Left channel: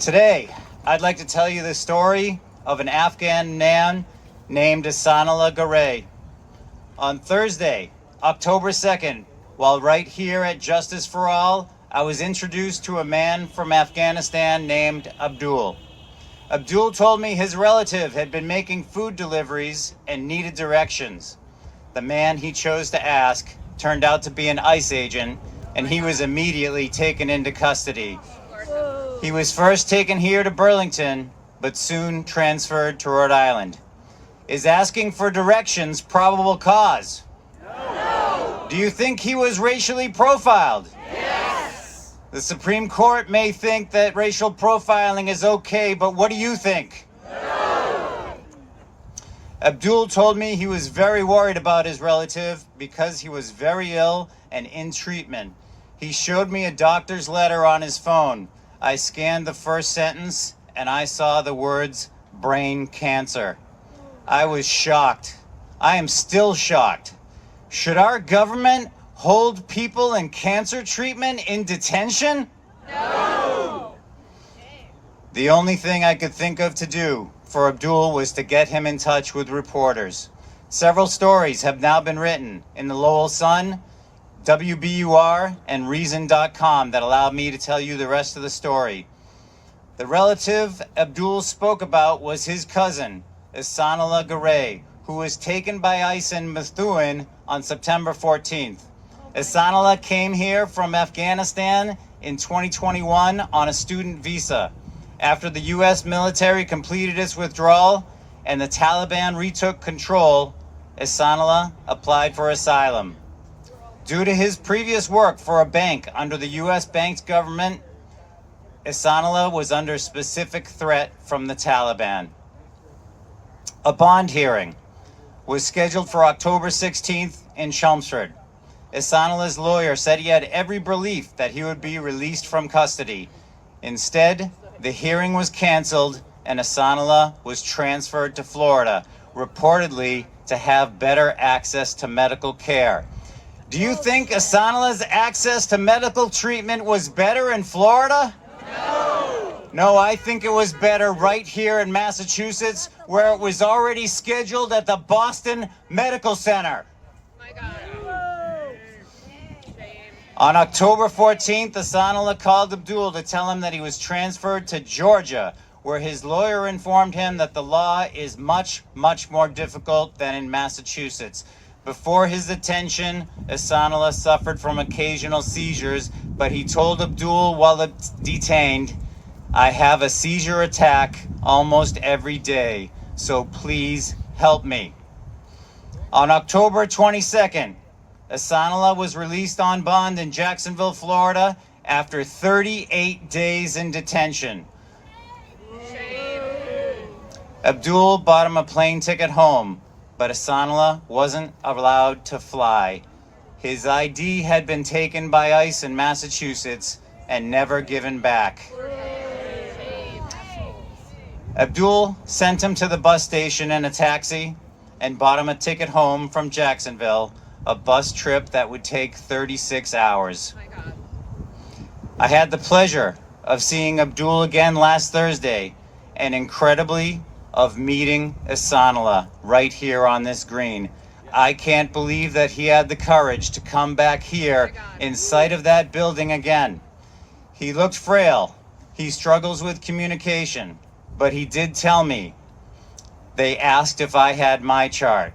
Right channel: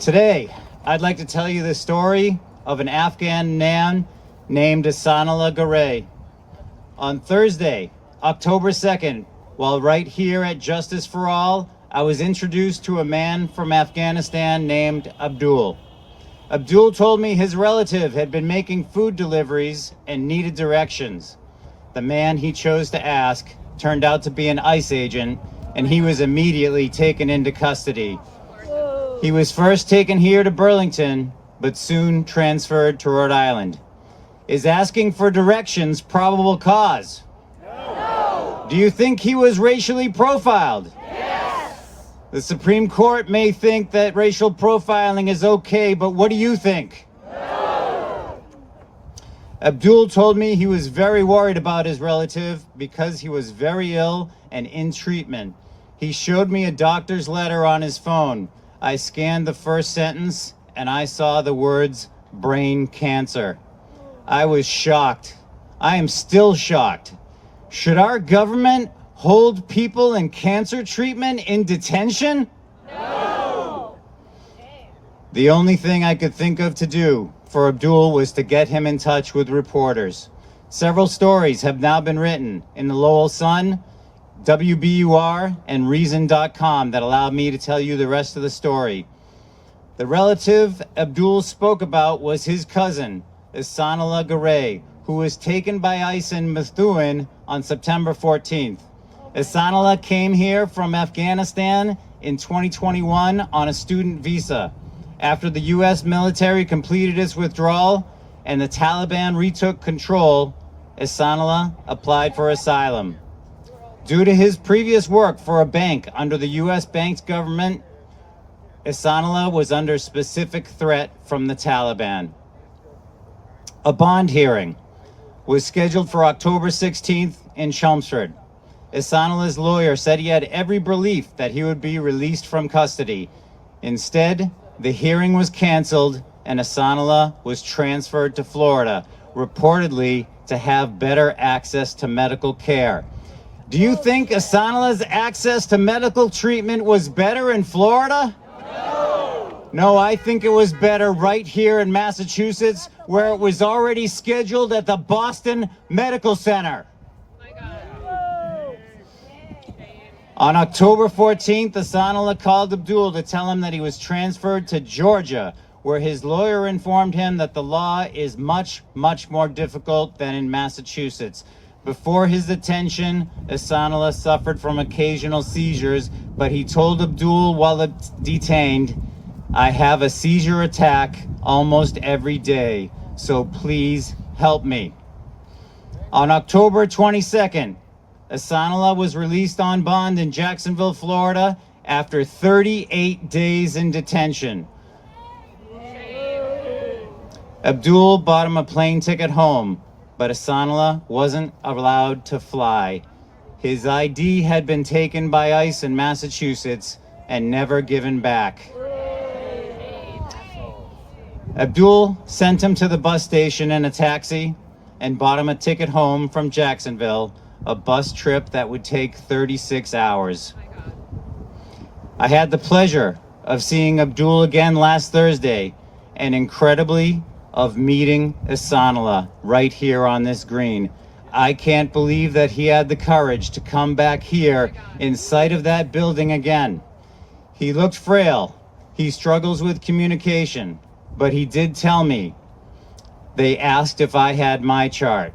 Today, I'd like to tell you the story of an Afghan man named Ihsanullah. On Thursday, October 2nd, while right here at Justice for All, I was introduced to a man from Afghanistan named Abdul. Abdul told me his relative had been making food deliveries and needed directions. The man he chose to ask turned out to be an ICE agent, and he was immediately taken into custody. He was first taken here to Burlington, but soon transferred to Rhode Island. Is asking for directions probable cause? No. Do you think he was racially profiled? Yes. The Supreme Court may think that racial profiling is okay, but what do you think? No. Abdul told me he was very worried about his relative because he was very ill and in treatment. He showed me a doctor's letter on his phone. I scanned the first sentence and I saw the words brain cancer. I was shocked. I am still shocked. Should our government hold people in cancer treatment in detention? No. The only thing I could think of to do for Abdul was to get him in touch with reporters. Several stories have now been written in the Lowell Sun, WBUR, and Reason.com that allowed me to tell you the rest of the story. The relative Abdul spoke about was his cousin, Ihsanullah, who was taken by ICE in Methuen on September 14th. Ihsanullah came here from Afghanistan in 2021 on a student visa. After the U.S. military completed its withdrawal and the Taliban retook control, Ihsanullah applied for asylum. Due to his previous work for a bank under the U.S. bank's government, Ihsanullah was under specific threat from the Taliban. A bond hearing was scheduled for October 16th in Chelmsford. Ihsanullah's lawyer said he had every belief that he would be released from custody. Instead, the hearing was canceled and Ihsanullah was transferred to Florida, reportedly to have better access to medical care. Do you think Ihsanullah's access to medical treatment was better in Florida? No. No, I think it was better right here in Massachusetts, where it was already scheduled at the Boston Medical Center. On October 14th, Ihsanullah called Abdul to tell him that he was transferred to Georgia, where his lawyer informed him that the law is much, much more difficult than in Massachusetts. Before his detention, Ihsanullah suffered from occasional seizures, but he told Abdul while detained, "I have a seizure attack almost every day, so please help me." On October 22nd, Ihsanullah was released on bond in Jacksonville, Florida, after 38 days in detention. Abdul bought him a plane ticket home, but Ihsanullah wasn't allowed to fly. His ID had been taken by ICE in Massachusetts and never given back. Abdul sent him to the bus station in a taxi and bought him a ticket home from Jacksonville, a bus trip that would take 36 hours. I had the pleasure of seeing Abdul again last Thursday, and incredibly, of meeting Ihsanullah right here on this green. I can't believe that he had the courage to come back here in sight of that building again. He looked frail. He struggles with communication, but he did tell me. They asked if I had my chart.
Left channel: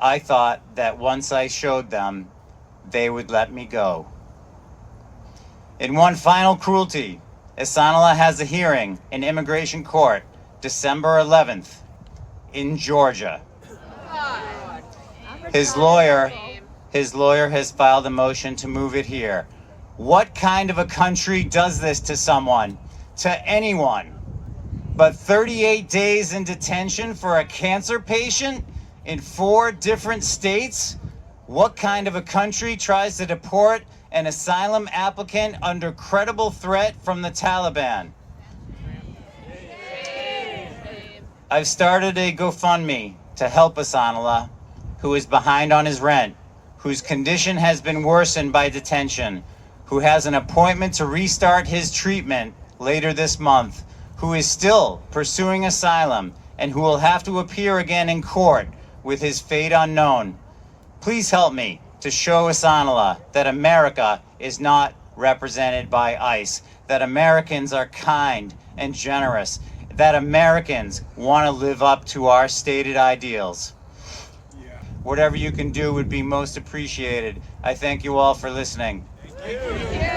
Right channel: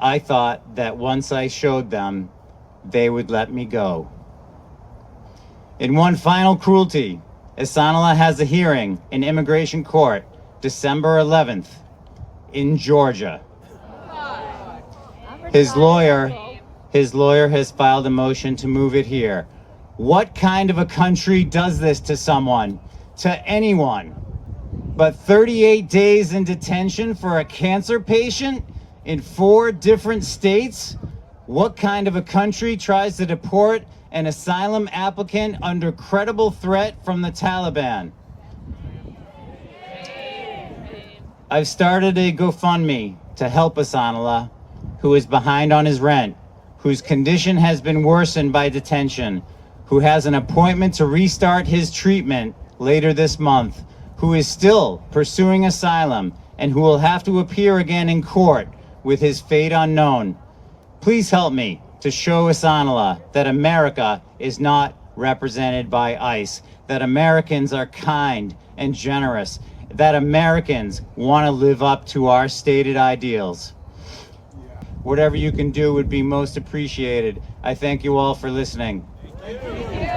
I thought that once I showed them, they would let me go. In one final cruelty, Ihsanullah has a hearing in immigration court December 11th in Georgia. His lawyer has filed a motion to move it here. What kind of a country does this to someone, to anyone? But 38 days in detention for a cancer patient in 4 different states? What kind of a country tries to deport an asylum applicant under credible threat from the Taliban? I've started a GoFundMe to help Ihsanullah, who is behind on his rent, whose condition has been worsened by detention, who has an appointment to restart his treatment later this month, who is still pursuing asylum and who will have to appear again in court with his fate unknown. Please help me to show Ihsanullah that America is not represented by ICE, that Americans are kind and generous, that Americans want to live up to our stated ideals. Whatever you can do would be most appreciated. I thank you all for listening. Thank you.